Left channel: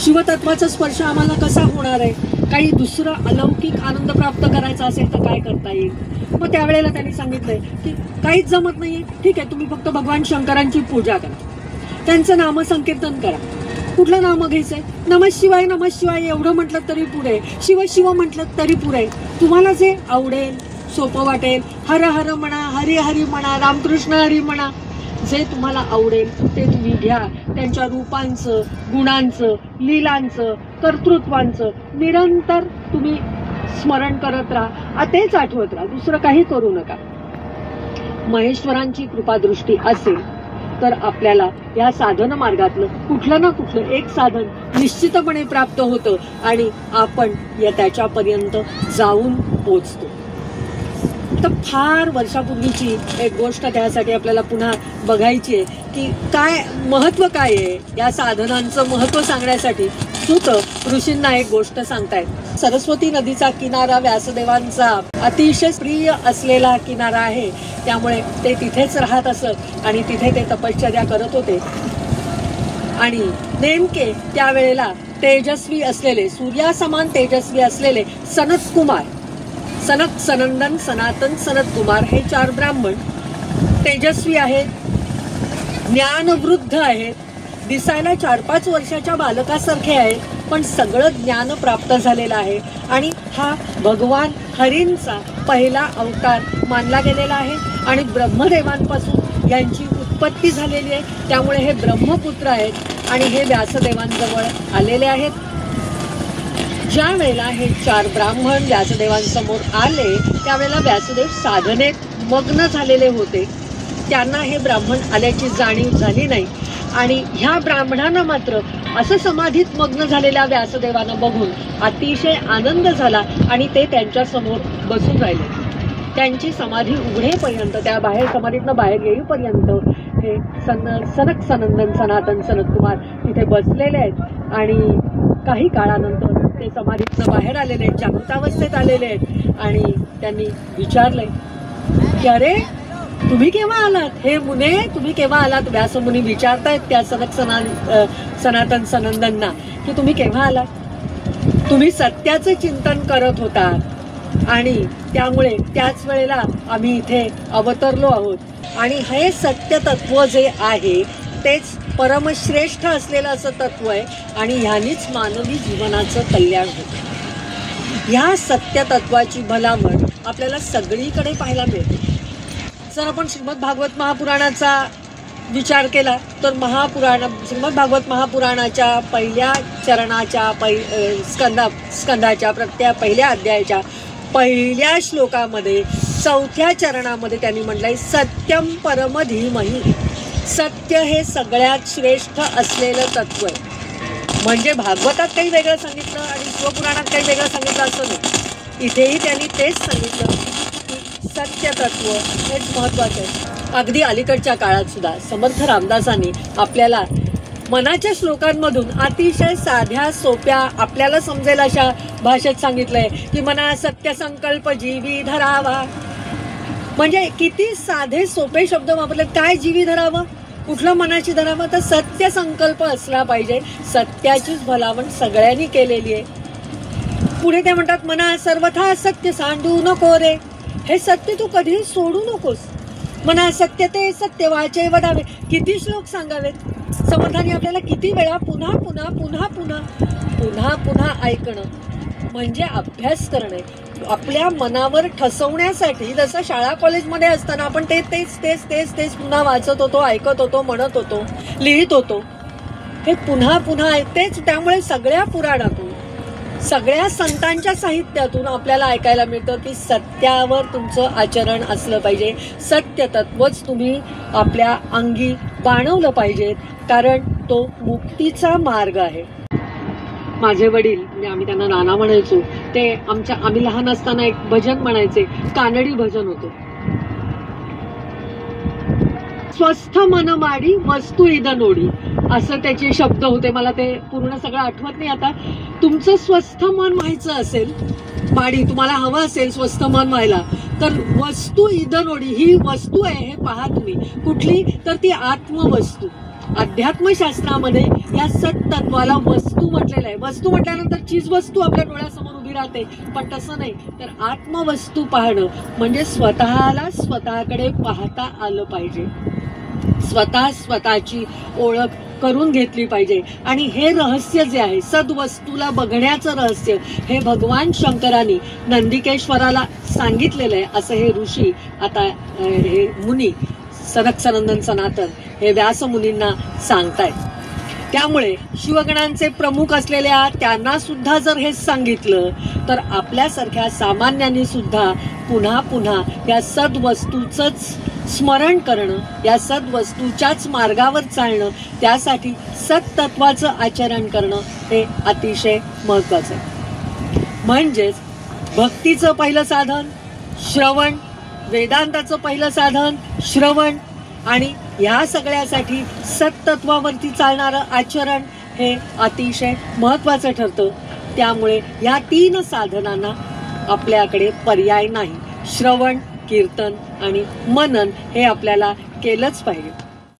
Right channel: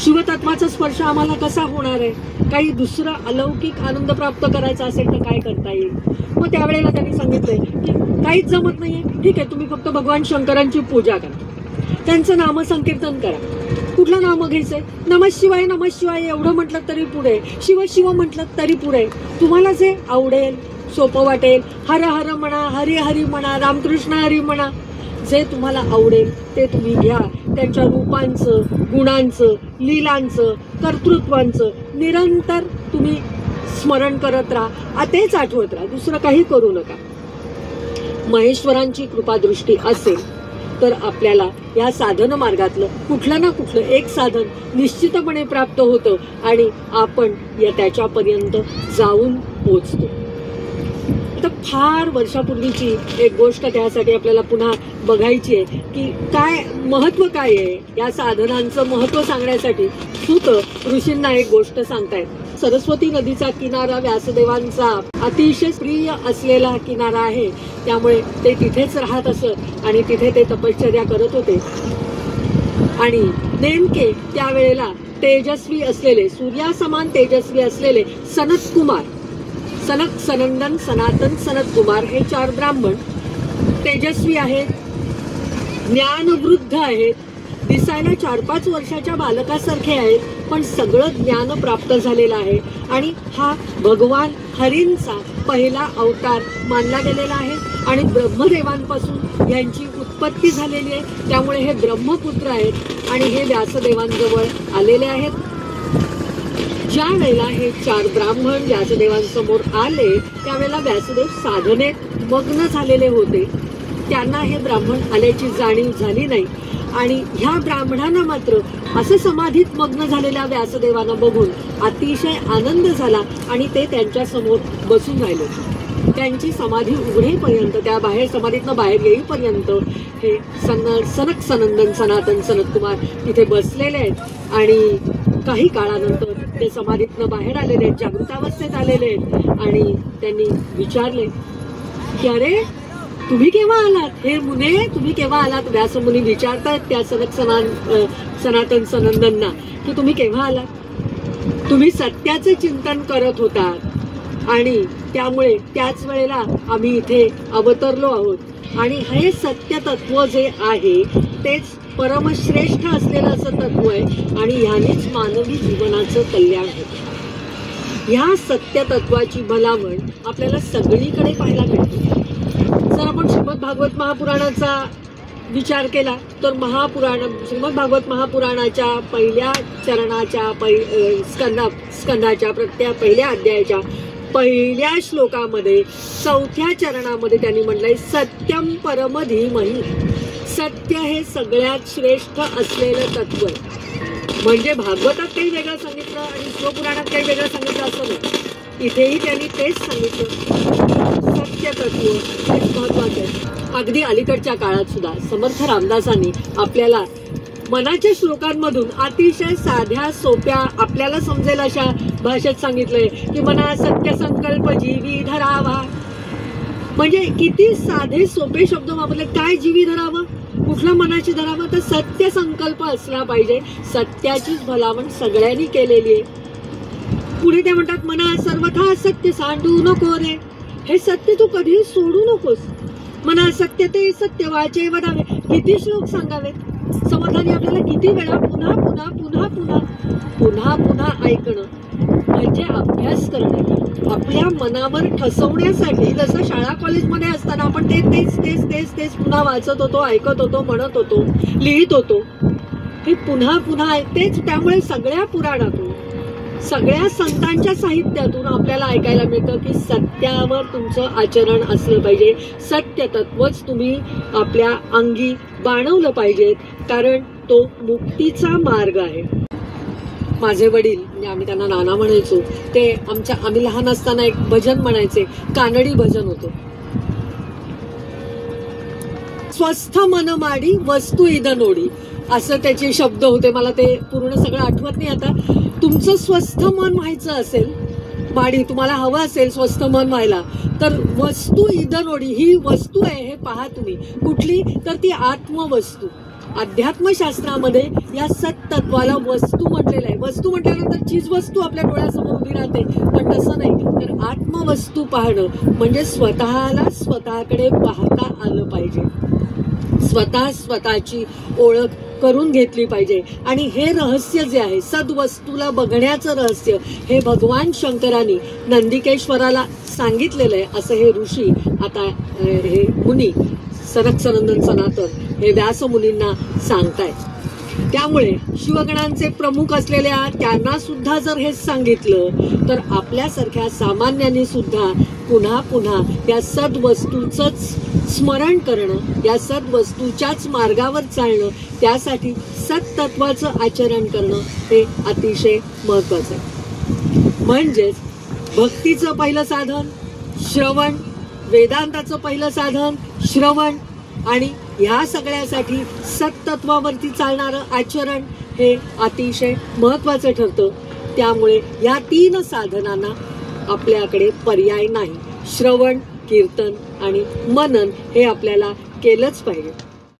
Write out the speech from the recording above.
शिवतत्वाचा स्पर्श आम्हाला कसा होणार आहे, काही दुसरं अलौकिक आनंद प्राप्त करायचा असेल तर काय करता येईल. मग त्यावेळेला त्यांनी सांगितलंय की काहीच जमत नाहीये, ठीक आहे, तुम्ही फक्त भगवान शंकरांची पूजा करा, त्यांचं नामसंकीर्तन करा. कुठलं नाम घ्यायचंय? नमः शिवाय नमः शिवाय एवढं म्हटलं तरी पुढे, शिव शिव म्हटलं तरी पुढे. तुम्हाला जे आवडेल, सोपं वाटेल, हर हर म्हणा, हरी हरी म्हणा, रामकृष्ण हरी म्हणा, जे तुम्हाला आवडेल ते तुम्ही घ्या. त्यांच्या रूपांचं, गुणांचं, लीलांचं, कर्तृत्वांचं निरंतर तुम्ही स्मरण करत राहा, तेच आठवत राहा, दुसरं काही करू नका. महेश्वरांची कृपादृष्टी असेल तर आपल्याला या साधन मार्गातलं कुठलं ना कुठलं एक साधन निश्चितपणे प्राप्त होतं आणि आपण या त्याच्यापर्यंत जाऊन पोचतो. तर फार वर्षापूर्वीची एक गोष्ट त्यासाठी आपल्याला पुन्हा बघायची आहे की काय महत्व काय आहे. या साधनांचं महत्व सांगण्यासाठी सूत ऋषींना एक गोष्ट सांगतायत. सरस्वती नदीचा किनारा व्यासदेवांचा अतिशय प्रिय असलेला किनारा आहे, त्यामुळे ते तिथेच राहत असत आणि तिथे ते तपश्चर्या करत होते. आणि नेमके त्यावेळेला तेजस्वी असलेले, सूर्यासमान तेजस्वी असलेले सनत कुमार, सनक, सनंदन, सनातन, सनत कुमार हे 4 ब्राह्मण तेजस्वी आहेत, ज्ञानवृद्ध आहेत, दिसायला 4-5 वर्षाच्या बालकासारखे आहेत, पण सगळं ज्ञान प्राप्त झालेलं आहे. आणि हा भगवान हरींचा पहिला अवतार मानला गेलेला आहे आणि ब्रह्मदेवांपासून यांची उत्पत्ती झालेली आहे. त्यामुळे हे ब्रह्मपुत्र आहेत आणि हे व्यासदेवांजवळ आलेले आहेत. ज्या वेळेला हे 4 ब्राह्मण व्यासदेवांसमोर आले त्यावेळेला व्यासदेव साधनेत मग्न झालेले होते. त्यांना हे ब्राह्मण आल्याची जाणीव झाली नाही आणि ह्या ब्राह्मणांना मात्र असं समाधीत मग्न झालेल्या व्यासदेवांना बघून अतिशय आनंद झाला आणि ते त्यांच्या समोर बसून राहिले. त्यांची समाधी उघडेपर्यंत, त्या बाहेर समाधीतनं बाहेर येईपर्यंत हे सनक, सनंदन, सनातन, सनत कुमार तिथे बसलेले आहेत. आणि काही काळानंतर ते समाधीतनं बाहेर आलेले आहेत, जागृतावस्थेत आलेले आहेत आणि त्यांनी विचारले की अरे तुम्ही केव्हा आलात, हे मुने तुम्ही केव्हा आलात. व्यासमुनी विचारतायत त्या सनातन सनंदनना की तुम्ही केव्हा आलात. तुम्ही सत्याचे चिंतन करत होतात आणि त्यामुळे त्याच वेळेला आम्ही इथे अवतरलो आहोत आणि हे सत्य तत्व जे आहे तेच परमश्रेष्ठ असलेलं असं तत्व आहे आणि ह्यानेच मानवी जीवनाचं कल्याण होतं. ह्या सत्य तत्वाची भलावण आपल्याला सगळीकडे पाहायला मिळते. जर आपण श्रीमद भागवत महापुराणाचा विचार केला तर श्रीमद भागवत महापुराणाच्या पहिल्या चरणाच्या स्कंदाच्या पहिल्या अध्यायाच्या पहिल्या श्लोकामध्ये 4थ्या चरणामध्ये त्यांनी म्हटलंय सत्यम परम धीमहि. सत्य हे सगळ्यात श्रेष्ठ असलेलं तत्व आहे. म्हणजे भागवतात काही वेगळं सांगितलं आणि शिवपुराणात काही वेगळं सांगितलं असं नाही. इथेही त्यांनी तेच सांगितलं, सत्य तत्व हेच महत्वाचं आहे. अगदी अलीकडच्या काळात सुद्धा समर्थ रामदासांनी आपल्याला मनाच्या श्लोकांमधून अतिशय साध्या सोप्या आपल्याला समजेल अशा भाषेत सांगितलंय की मना सत्य संकल्प जीवी धरावा. म्हणजे किती साधे सोपे शब्द वापरले. काय जीवी धरावं, कुठलं मनाची धरावं, तर सत्य संकल्प असला पाहिजे. सत्याचीच भलावण सगळ्यांनी केलेली आहे. पुढे ते म्हणतात मना सर्वथा सत्य सांडू नको रे. हे सत्य तू कधीही सोडू नकोस. मना सत्य ते सत्य वाचे वदावे. किती श्लोक सांगावेत. समर्थांनी आपल्याला किती वेळा पुन्हा पुन्हा पुन्हा पुन्हा पुन्हा पुन्हा ऐकणं म्हणजे अभ्यास करणे. आपल्या मनावर ठसवण्यासाठी जसं शाळा कॉलेजमध्ये असताना आपण तेच तेच तेच तेच तेच पुन्हा वाचत होतो, ऐकत होतो, म्हणत होतो, लिहित होतो. हे पुन्हा पुन्हा ऐकतेच. त्यामुळे सगळ्या पुराणातून, सगळ्या संतांच्या साहित्यातून आपल्याला ऐकायला मिळतं की सत्यावर तुमचं आचरण असलं पाहिजे. सत्य तत्वच तुम्ही आपल्या अंगी बाणवलं पाहिजेत, कारण तो मुक्तीचा मार्ग आहे. माझे वडील, म्हणजे आम्ही त्यांना नाना म्हणायचो, ते आम्ही लहान असताना एक भजन म्हणायचे, कानडी भजन होतं. स्वस्थ मन माडी वस्तू इद नोडी, असं त्याचे शब्द होते. मला ते पूर्ण सगळं आठवत नाही आता. तुमचं स्वस्थ मन व्हायचं असेल, माडी तुम्हाला हवं असेल स्वस्थ मन व्हायला, तर वस्तू इद नोडी, ही वस्तू आहे हे पहा तुम्ही. कुठली, तर ती आत्मवस्तू. अध्यात्मशास्त्रामध्ये या सत्तत्वाला वस्तू म्हटलेलं आहे. वस्तू म्हटल्यानंतर चीज वस्तू आपल्या डोळ्यासमोर उभी राहते, पण तसं नाही. तर आत्मवस्तू पाहणं म्हणजे स्वतःला स्वतःकडे पाहता आलं पाहिजे, स्वतःची ओळख करून घेतली पाहिजे. आणि हे रहस्य जे आहे सद्वस्तूला बघण्याचं रहस्य, हे भगवान शंकरांनी नंदिकेश्वराला सांगितलेलं आहे, असं हे ऋषी आता हे मुनी सनक सनंदन सनातन हे व्यास मुनींना सांगतायत. त्यामुळे शिवगणांचे प्रमुख असलेल्या त्यांना सुद्धा जर हेच सांगितलं, तर आपल्यासारख्या सामान्यांनी सुद्धा पुन्हा पुन्हा या सद्वस्तूचंच स्मरण करणं, या सद्वस्तूच्याच मार्गावर चालणं, त्यासाठी सत्तत्वाचं आचरण करणं हे अतिशय महत्वाचं आहे. म्हणजेच भक्तीचं पहिलं साधन श्रवण, वेदांताचं पहिलं साधन श्रवण, आणि ह्या सगळ्यासाठी सत्तत्वावरती चालणारं आचरण हे अतिशय महत्वाचं ठरतं. त्यामुळे या 3 साधनांना आपल्याकडे पर्याय नाही. श्रवण, कीर्तन आणि मनन हे आपल्याला केलंच पाहिजे.